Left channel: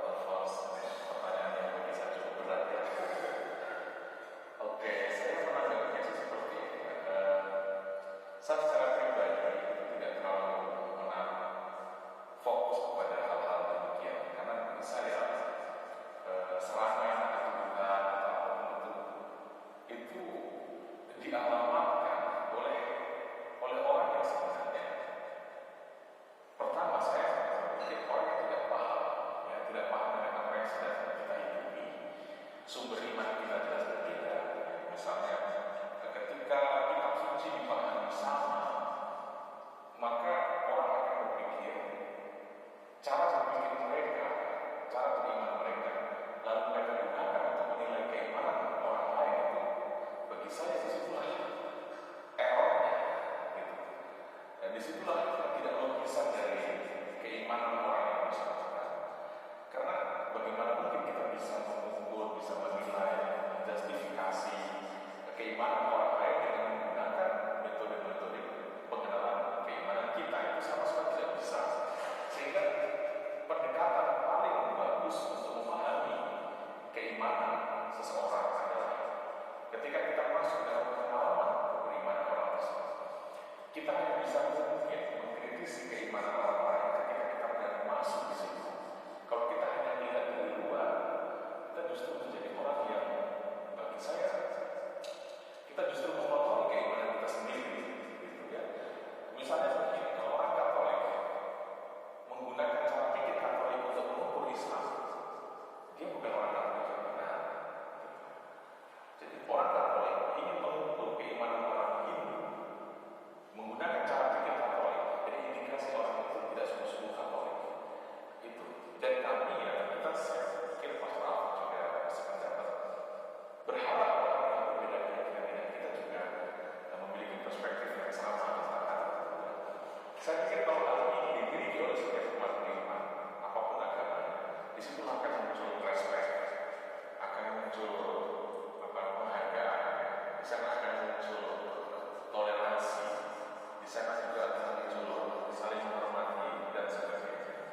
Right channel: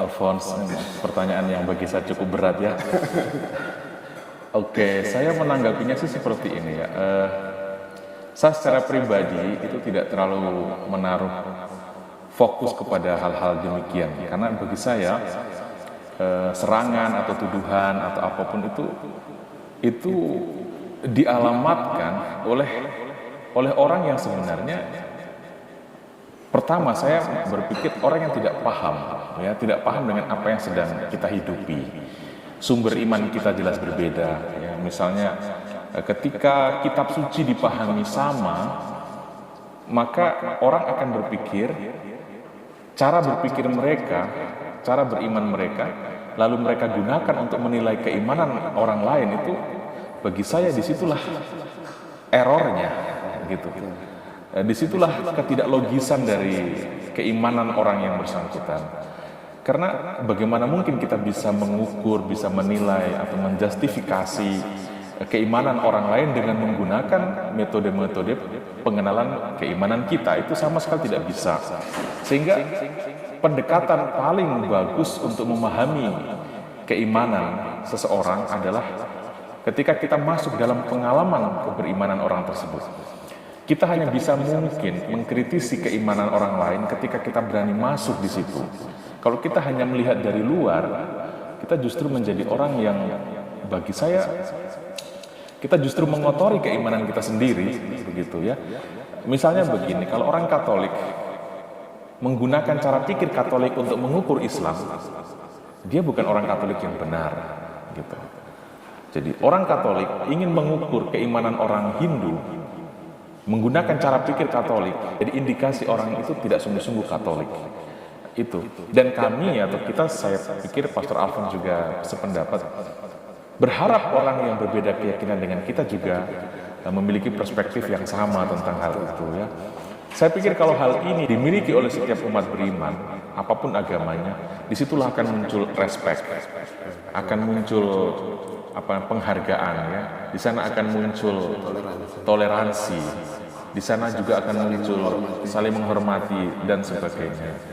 Alphonse. Pertanyaan yang bagi saya cukup berat ya. Oke, saya menanggapinya sih seperti ini ya. Saya secara pribadi itu tidak terlalu menaruh fokus kepada hal-hal demikian. Karena bagi saya serangan atau tuduhan atau apapun itu dialamatkan oleh orang yang sebenarnya pertama saya berpikir orang yang tidak paham, ya tidak paham dengan apa yang sedang kita hidupi. Sumber iman kita jelas berbeda. Ya. Misalnya ketika kitab suci dipahami sama, maka orang akan berpikir cara berpikir mereka, cara beriman mereka, lalu mereka gunakan untuk menilai keimanan orang lain itu, bagi saya disitulah errornya, gitu. Disitulah ketidaklogisan dari keimanan orang yang bersangkutan. Karena bagaimana mungkin kita bisa mengukur, bisa menilai atau menjustifikasi keimanan orang lain dengan menggunakan metode-metode pengenalan keimanan kita, itu sama sekali tidak bisa. Sehingga pendekatan paling bagus untuk memahami keimanan seseorang adalah ketika kita masuk dalam pengalaman keberimanan orang tersebut. Kita hanya bisa mungkin mengkritisi keimanan orang lain ketika kita berani masuk di situ. Kalau kita hanya melihat dari luar, kita justru menjadi orang yang bagi saya kita justru mengotori keimanan kita sendiri, begitu ya. Misalnya begini, kalau orang Katolik menggunakan cara pikir Katolik untuk mengukur Islam, dia bukan orang Katolik yang benar, gitu. Jadi orang Katolik ingin mengukur keimanan orang Hindu menggunakan cara pikir Katolik, jadi indikasi orang itu tidak sungguh-sungguh Katolik. Itu. Dan kami atau kita, saya pikir Pastor Alphonse juga sependapat, berharap orang yang berbeda keyakinan dengan kita juga memiliki perspektif yang sama tentang hal itu ya. Saya pikir kalau hal ini dimiliki oleh setiap umat beriman, apapun agamanya, disitulah akan muncul respect, akan muncul penghargaan ya. Di sana akan muncul toleransi. Di sana juga akan muncul saling menghormati dan sebagainya.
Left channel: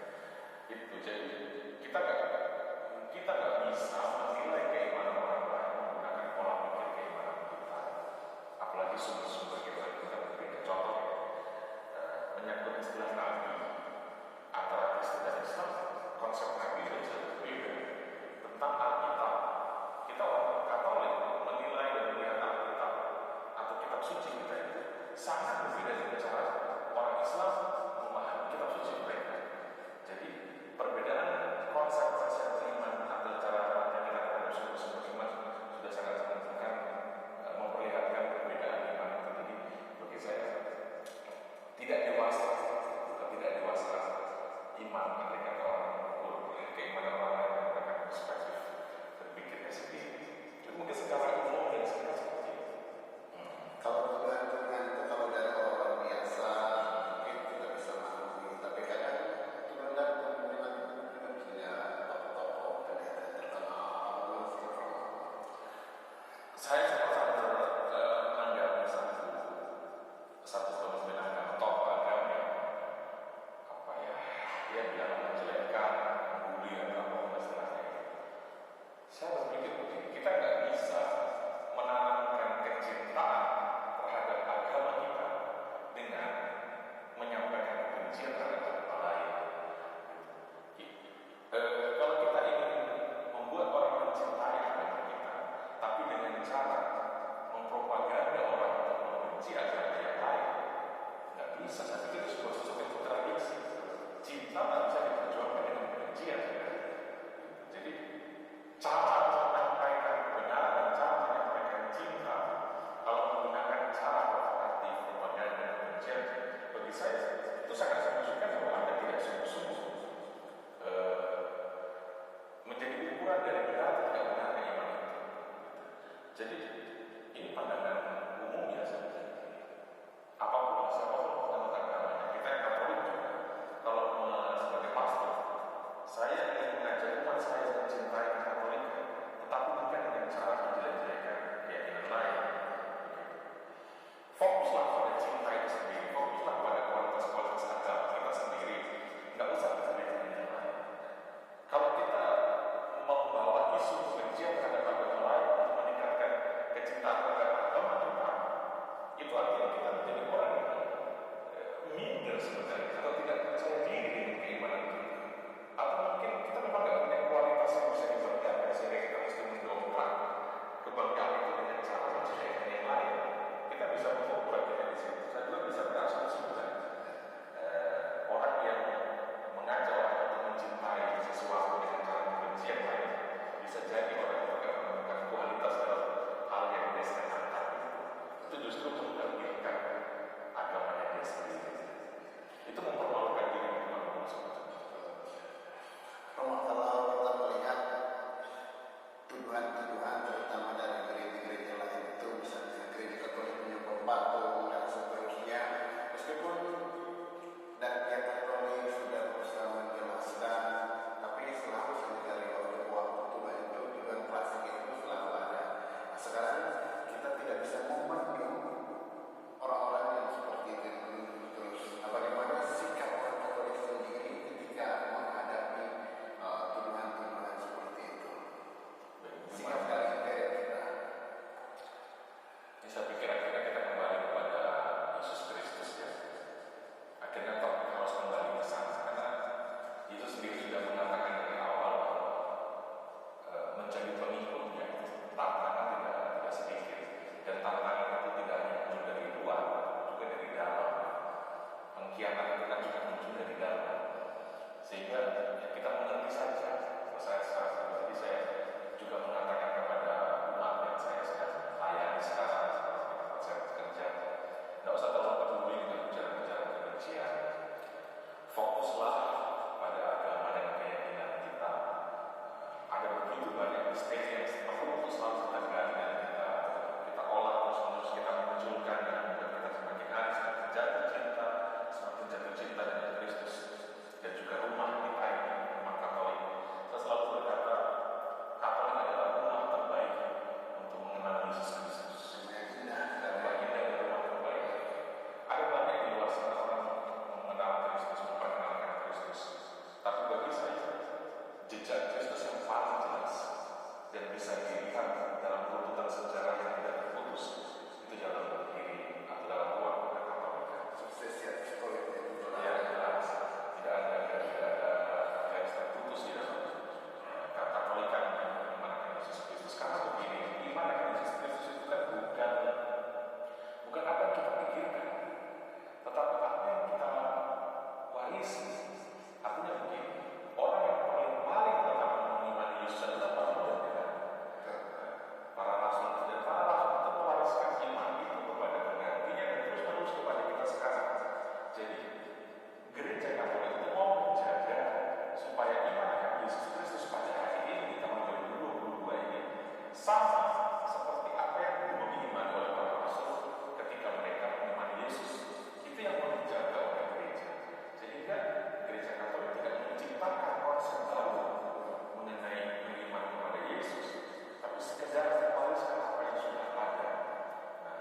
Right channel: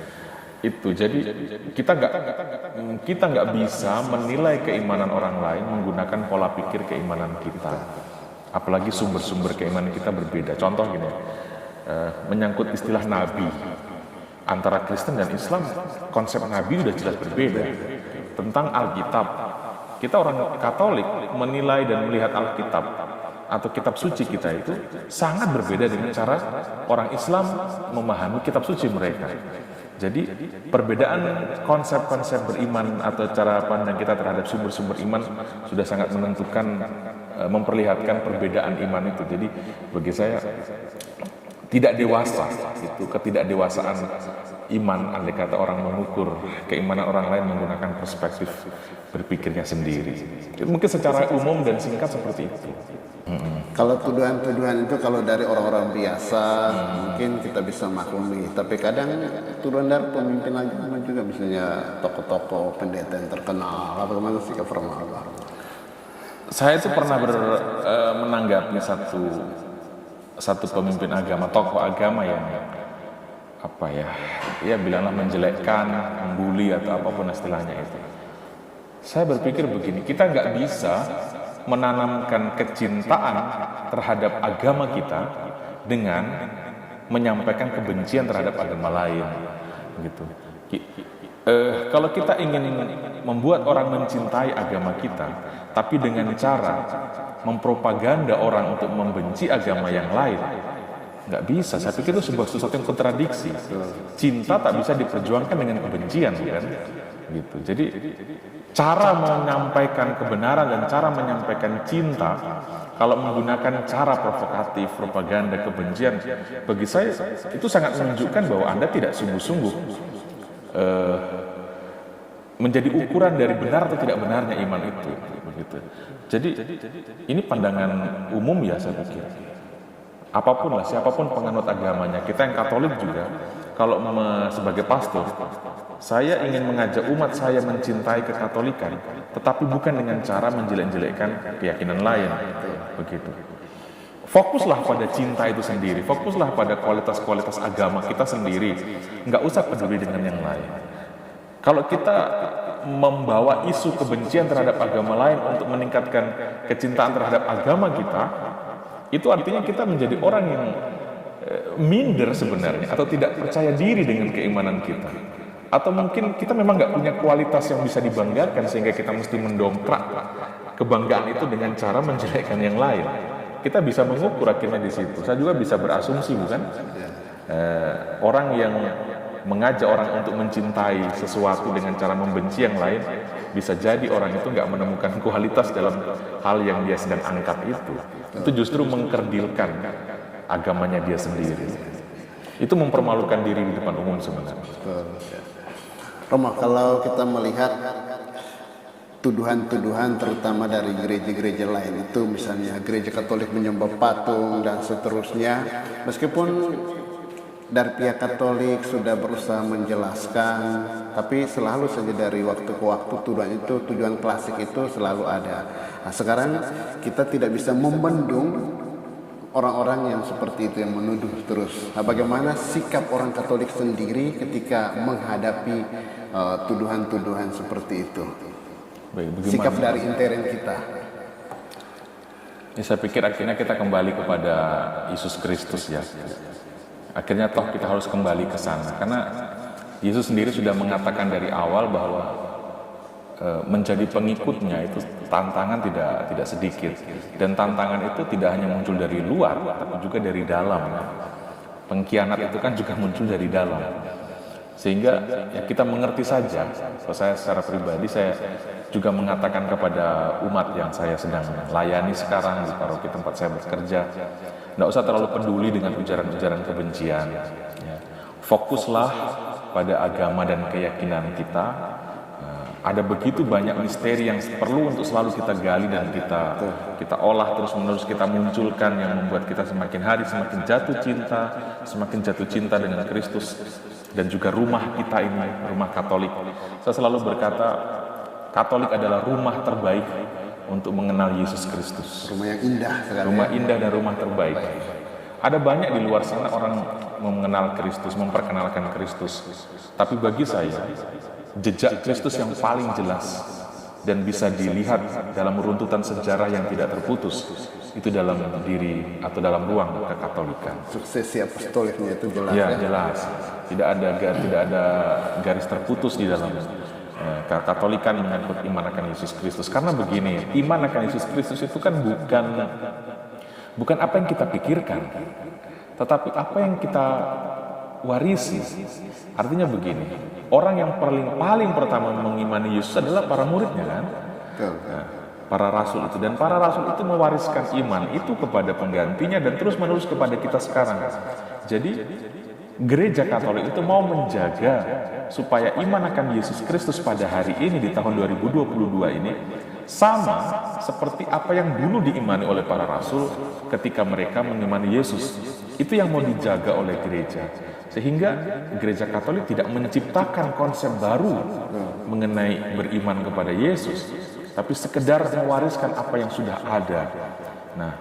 Itu jadi kita nggak bisa menilai keimanan orang lain menggunakan pola pikir keimanan kita. Apalagi sumber-sumber keimanan kita berbeda. Contoh gini, menyangkut istilah nabi. Antara Kristen dan Islam, konsep nabi sudah jelas berbeda. Tentang Alkitab, kita orang Katolik menilai dan melihat Alkitab atau kitab suci kita itu sangat berbeda dengan cara orang Islam memahami kitab suci mereka. Jadi perbedaan konsep-konsep beriman atau cara pandang kita terhadap sumber-sumber iman sudah sangat menentukan, memperlihatkan perbedaan iman itu. Jadi bagi saya tidak dewasa, itu ketidakdewasaan iman, andai kata orang mengukur keimanan orang lain menggunakan perspektif berpikirnya sendiri. Mungkin secara umum dan singkat seperti itu. Kalau tuduhan-tuduhan itu kalau dari orang-orang biasa mungkin kita bisa maklumi, tapi kadang tuduhan dari pemimpin agama juga, misalnya tokoh-tokoh pendeta yang terkenal. Bagaimana sikap formal? Saya itu pernah menanggapi satu pemimpin agama, tokoh agama yang bilanglah menjelekkan, membuli atau apapun istilahnya itu. Saya berpikir begini, kita nggak bisa menanamkan kecintaan terhadap agama kita dengan menyampaikan kebencian terhadap agama lain, gitu. Kalau kita ingin membuat orang mencintai agama kita, tapi dengan cara mempropaganda orang untuk membenci agama yang lain, nggak bisa. Saya pikir itu sesuatu yang kontradiksi. Cinta tak bisa diperjuangkan dengan kebencian, kan? Gitu. Jadi cara menyampaikan kebenaran dan cara menyampaikan cinta kalau menggunakan cara provokatif, propaganda, kebencian, bagi saya itu sangat menunjukkan bahwa Anda tidak sungguh-sungguh menjadi ukuran dari benar atau tidak benarnya iman itu. Begitu. Jadi ini pandangan umum ya, saya pikir. Apapun lah, siapapun penganut agamanya, kita yang Katolik juga, kalau sebagai pastor, saya ingin mengajak umat saya mencintai kekatolikan, tetapi bukan dengan cara menjelek-jelekkan keyakinan lain. Begitu. Fokuslah pada cinta itu sendiri, fokuslah pada kualitas-kualitas agama kita sendiri. Nggak usah peduli dengan yang lain. Kalau kita membawa isu kebencian terhadap agama lain untuk meningkatkan kecintaan terhadap agama kita, itu artinya kita menjadi orang yang minder sebenarnya, atau tidak percaya diri dengan keimanan kita. Atau mungkin kita memang nggak punya kualitas yang bisa dibanggakan, sehingga kita mesti mendongkrak kebanggaan itu dengan cara menjelekkan yang lain. Kita bisa mengukur akhirnya di situ. Saya juga bisa berasumsi, bukan? Orang yang mengajak orang untuk mencintai sesuatu dengan cara membenci yang lain, bisa jadi orang itu nggak menemukan kualitas dalam hal yang dia sedang angkat itu. Itu justru mengkerdilkan agamanya dia sendiri. Itu mempermalukan diri di depan umum sebenarnya. Romo, kalau kita melihat tuduhan-tuduhan terutama dari gereja-gereja lain itu, misalnya gereja Katolik menyembah patung dan seterusnya, meskipun dari pihak Katolik sudah berusaha menjelaskan, tapi selalu saja dari waktu ke waktu tuduhan klasik itu selalu ada. Nah, sekarang kita tidak bisa membendung orang-orang yang seperti itu, yang menuduh terus. Nah, bagaimana sikap orang Katolik sendiri ketika menghadapi tuduhan-tuduhan seperti itu? Sikap dari intern kita. Ya, saya pikir akhirnya kita kembali kepada Yesus Kristus ya. Akhirnya toh kita harus kembali ke sana, karena Yesus sendiri sudah mengatakan dari awal bahwa menjadi pengikutnya itu tantangan tidak sedikit, dan tantangan itu tidak hanya muncul dari luar, tapi juga dari dalam. Pengkhianat itu kan juga muncul dari dalam, sehingga ya kita mengerti saja. Kalau saya secara pribadi, saya juga mengatakan kepada umat yang saya sedang layani sekarang di paroki tempat saya bekerja, tidak usah terlalu peduli dengan ujaran-ujaran kebencian. Fokuslah pada agama dan keyakinan kita. Ada begitu banyak misteri yang perlu untuk selalu kita gali dan kita olah terus-menerus, kita munculkan, yang membuat kita semakin hari semakin jatuh cinta dengan Kristus dan juga rumah kita ini, rumah Katolik. Saya selalu berkata, Katolik adalah rumah terbaik untuk mengenal Yesus Kristus. Rumah yang indah sekali. Rumah indah dan rumah terbaik. Ada banyak di luar sana orang mengenal Kristus, memperkenalkan Kristus. Tapi bagi saya, jejak Kristus yang paling jelas dan bisa dilihat dalam runtutan sejarah yang tidak terputus, itu dalam diri atau dalam ruang kekatolikan. Suksesi apostoliknya itu jelas. Ya, jelas. Tidak ada garis terputus di dalam Katolikan menyangkut iman akan Yesus Kristus. Karena begini, iman akan Yesus Kristus itu kan bukan apa yang kita pikirkan, tetapi apa yang kita warisi. Artinya begini, orang yang paling pertama mengimani Yesus adalah para muridnya kan? Nah, para rasul itu, dan para rasul itu mewariskan iman itu kepada penggantinya dan terus menerus kepada kita sekarang. Jadi Gereja Katolik itu mau menjaga supaya iman akan Yesus Kristus pada hari ini di tahun 2022 ini sama seperti apa yang dulu diimani oleh para rasul ketika mereka mengimani Yesus. Itu yang mau dijaga oleh gereja, sehingga Gereja Katolik tidak menciptakan konsep baru mengenai beriman kepada Yesus, tapi sekedar mewariskan apa yang sudah ada. Nah,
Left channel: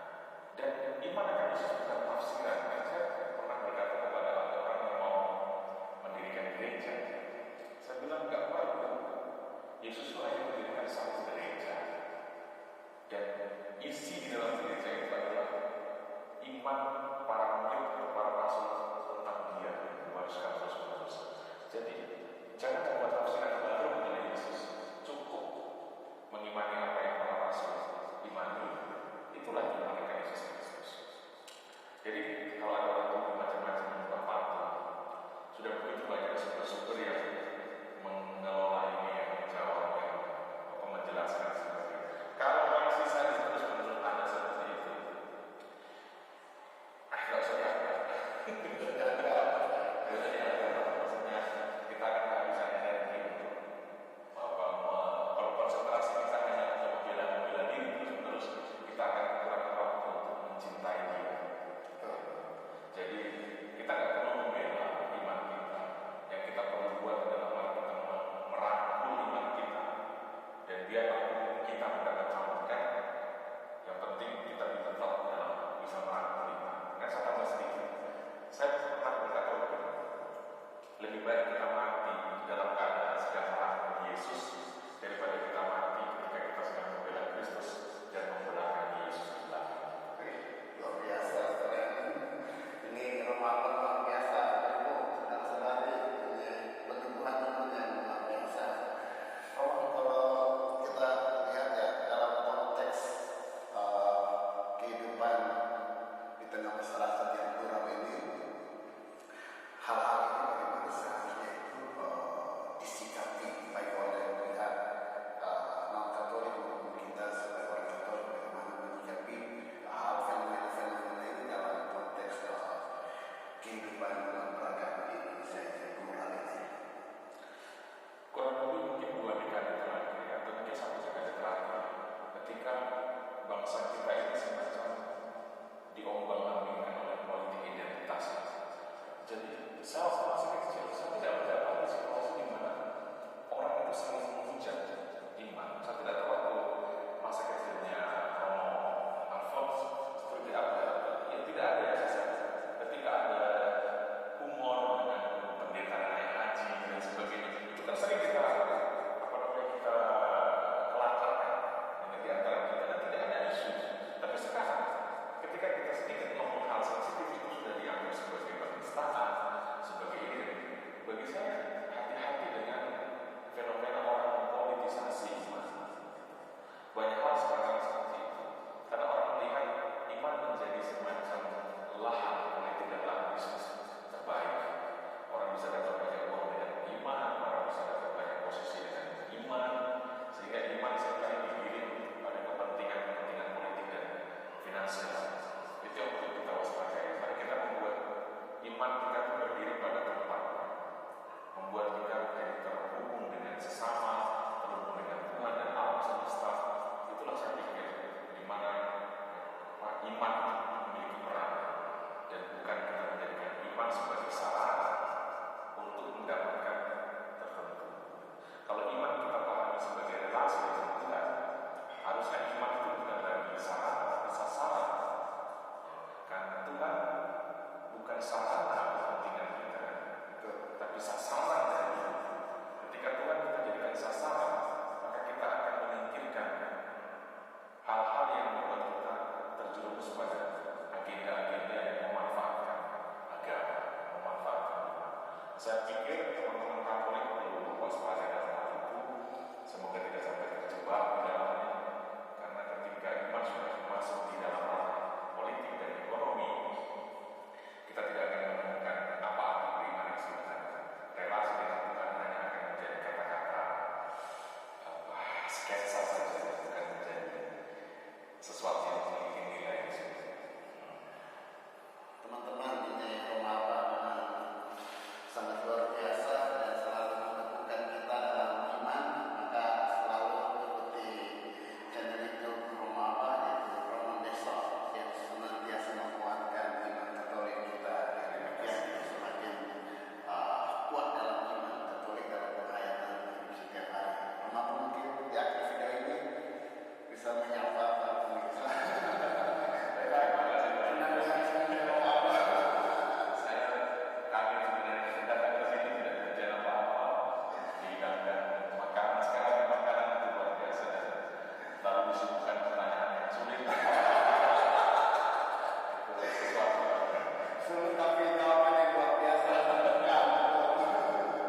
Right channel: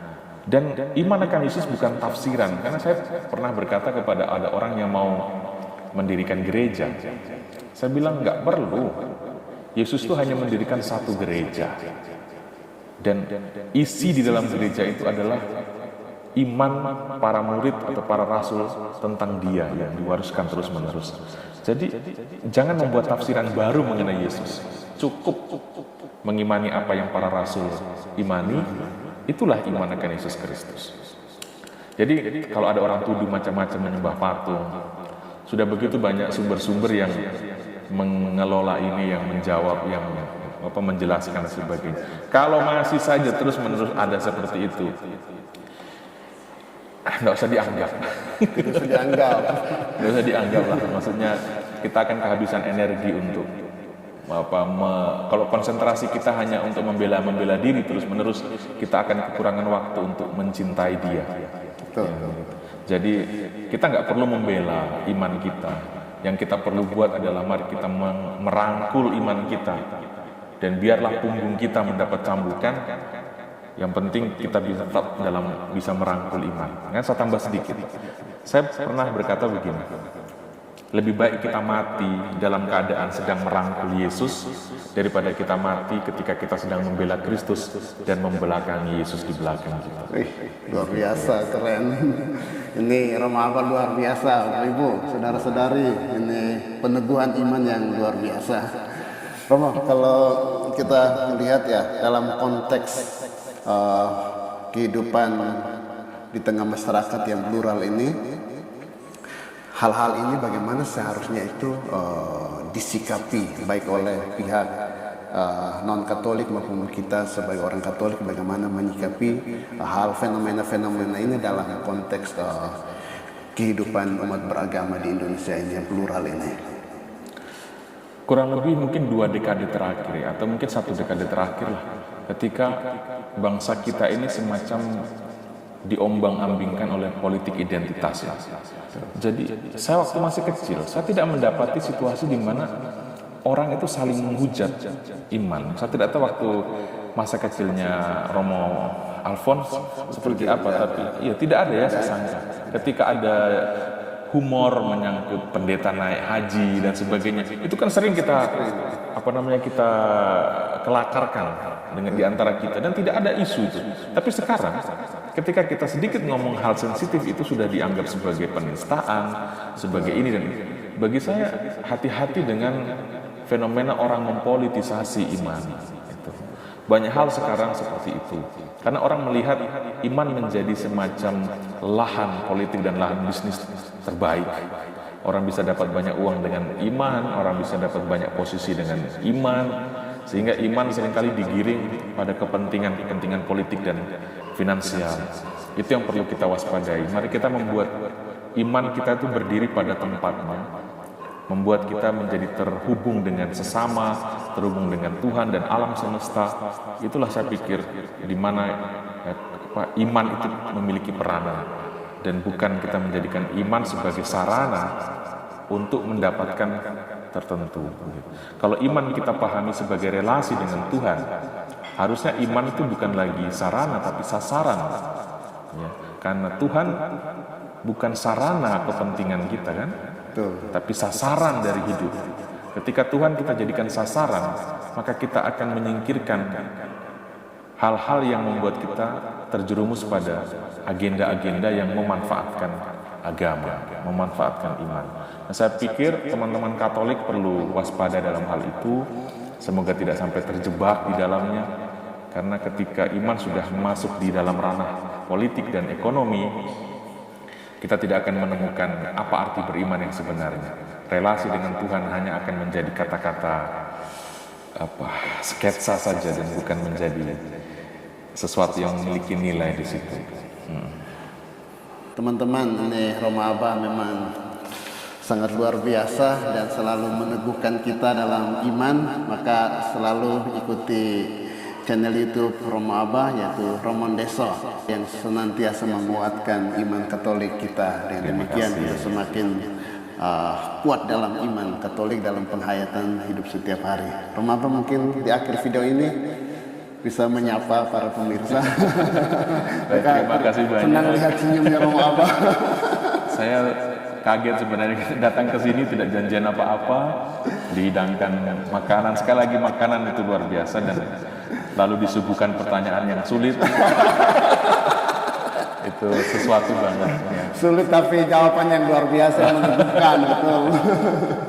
dan iman akan Yesus bukan tafsiran, karena saya pernah berkata kepada ada orang yang mau mendirikan gereja, saya bilang nggak perlu. Yesus itu hanya mendirikan satu gereja, dan isi di dalam gereja itu adalah iman para murid atau para rasul tentang Dia yang diwariskan terus-menerus. Jadi jangan membuat tafsiran baru mengenai Yesus, cukup mengimani apa yang para rasul imani. Itulah iman akan Yesus Kristus. Jadi kalau ada orang tuduh macam-macam menyembah patung, sudah begitu banyak sumber-sumber yang mengelola ini, yang menjawab, yang menjelaskan sebagainya. Kalau masih saja terus-menerus ada seperti itu, nggak usah dianggap. Nggak usah dianggap lah. Maksudnya kita akan kehabisan energi untuk kalau konsentrasi kita hanya untuk membela diri terus-menerus, kita akan kekurangan waktu untuk mencintai Dia. Betul. Jadi kita nggak perlu membela iman kita. Yang kita perlu buat adalah mari kita merangkul iman kita, dan biarlah punggung kita mendapat cambukan. Yang penting kita tetap bisa merangkul iman. Saya tambah sedikit. Saya pernah berkata begini, Lebih baik kita mati dalam keadaan sedang merangkul Yesus daripada kita mati ketika kita sedang membela Kristus dan membelakangi Yesus di belakang kita. Luar biasa, keren. Ini Roma Abah luar biasa, Bapak Ibu, saudara-saudari. Ini peneguhan iman yang luar biasa. Romo, kalau kita melihat ya dalam konteks kehidupan di tengah masyarakat yang plural ini, hal-hal ini bagaimana seharusnya itu disikapi baik oleh pihak non-Katolik maupun kita sebagai orang Katolik, bagaimana menyikapi hal fenomena-fenomena ini dalam konteks kehidupan umat beragama di Indonesia ini yang plural ini. Kurang lebih mungkin 2 dekade terakhir ya, atau mungkin 1 dekade terakhir lah, ketika bangsa kita ini semacam diombang-ambingkan oleh politik identitas ya. Jadi saya waktu masih kecil, saya tidak mendapati situasi di mana orang itu saling menghujat iman. Saya tidak tahu waktu masa kecilnya Romo Alphonse seperti apa, tapi ya tidak ada ya saya sangka. Ketika ada humor menyangkut pendeta naik haji dan sebagainya, itu kan sering kita kita kelakarkan dengan diantara kita dan tidak ada isu itu. Tapi sekarang ketika kita sedikit ngomong hal sensitif itu sudah dianggap sebagai penistaan, sebagai ini dan itu. Bagi saya hati-hati dengan fenomena orang mempolitisasi iman. Itu. Banyak hal sekarang seperti itu. Karena orang melihat iman menjadi semacam lahan politik dan lahan bisnis terbaik. Orang bisa dapat banyak uang dengan iman, orang bisa dapat banyak posisi dengan iman, sehingga iman seringkali digiring pada kepentingan politik dan finansial. Itu yang perlu kita waspadai. Mari kita membuat iman kita itu berdiri pada tempatnya, membuat kita menjadi terhubung dengan sesama, terhubung dengan Tuhan dan alam semesta. Itulah saya pikir di mana iman itu memiliki peranan, dan bukan kita menjadikan iman sebagai sarana untuk mendapatkan tertentu. Kalau iman kita pahami sebagai relasi dengan Tuhan, harusnya iman itu bukan lagi sarana tapi sasaran. Ya, karena Tuhan bukan sarana kepentingan kita kan, tapi sasaran dari hidup. Ketika Tuhan kita jadikan sasaran, maka kita akan menyingkirkan hal-hal yang membuat kita terjerumus pada agenda-agenda yang memanfaatkan agama, memanfaatkan iman. Nah, saya pikir teman-teman Katolik perlu waspada dalam hal itu. Semoga tidak sampai terjebak di dalamnya, karena ketika iman sudah masuk di dalam ranah politik dan ekonomi, kita tidak akan menemukan apa arti beriman yang sebenarnya. Relasi dengan Tuhan hanya akan menjadi kata-kata sketsa saja dan bukan menjadi sesuatu yang memiliki nilai di situ. Teman-teman, ini Roma Abah memang sangat luar biasa dan selalu meneguhkan kita dalam iman. Maka selalu ikuti channel YouTube Roma Abah, yaitu Romondeso, yang senantiasa menguatkan iman Katolik kita. Dengan demikian kita semakin kuat dalam iman Katolik dalam penghayatan hidup setiap hari. Roma Abah mungkin di akhir video ini bisa menyapa para pemirsa. Terima kasih banyak. Senang lihat senyumnya Roma Abah. Saya kaget sebenarnya datang ke sini tidak janjian apa-apa, dihidangkan makanan. Sekali lagi makanan itu luar biasa dan lalu disuguhkan pertanyaan yang sulit. Itu sesuatu banget. Ya. Sulit tapi jawaban yang luar biasa menegurkan.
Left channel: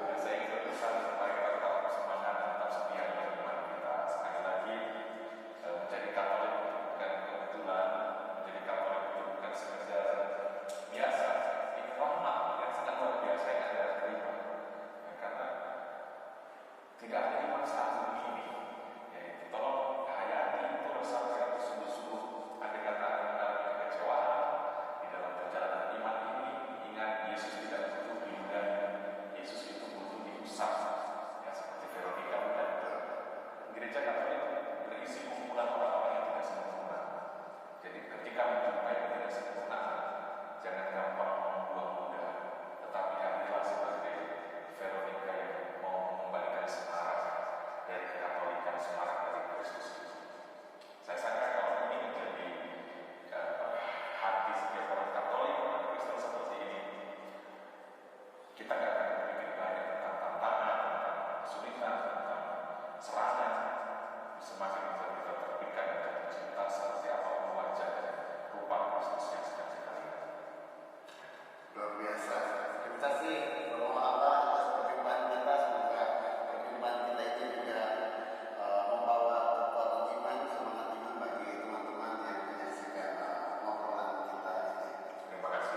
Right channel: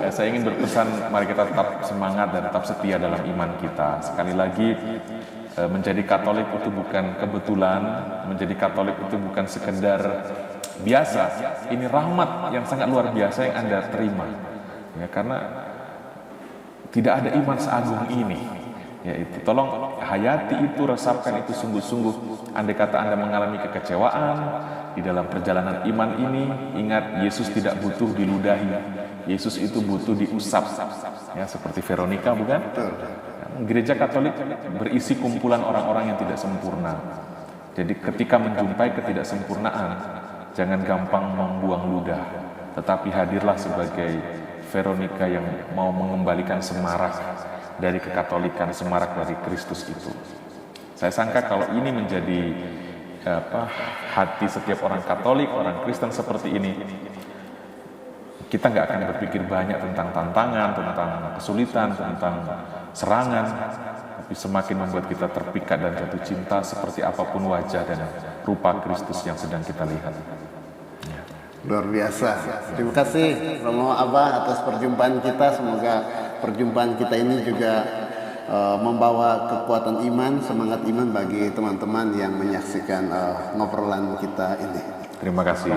Ya, saya ingin berpesan, mari kita tetap semangat dan tetap setia dalam iman kita. Sekali lagi, menjadi Katolik itu bukan kebetulan, menjadi Katolik itu bukan sekedar biasa. Ini rahmat yang sangat luar biasa yang Anda terima. Ya, karena tidak ada iman seagung ini. Yaitu, tolong hayati itu, resapkan itu sungguh-sungguh. Andai kata Anda mengalami kekecewaan di dalam perjalanan iman ini, ingat Yesus tidak butuh diludahi. Yesus itu butuh diusap. Ya, seperti Veronica, bukan? Gereja Katolik berisi kumpulan orang-orang yang tidak sempurna. Jadi ketika menjumpai ketidaksempurnaan, jangan gampang membuang ludah, tetapi hadirlah sebagai Veronica yang mau mengembalikan semarak dari kekatolikan, semarak dari Kristus itu. Saya sangka kalau ini menjadi hati setiap orang Katolik, orang Kristen seperti ini, kita nggak akan berpikir banyak tentang tantangan, tentang kesulitan, tentang serangan, tapi semakin membuat kita terpikat dan jatuh cinta seperti apapun wajah dan rupa Kristus yang sedang kita lihat. Luar biasa. Terima kasih Romo Abah atas perjumpaan kita. Semoga perjumpaan kita ini juga membawa kekuatan iman, semangat iman bagi teman-teman yang menyaksikan ngobrolan kita ini. Terima kasih.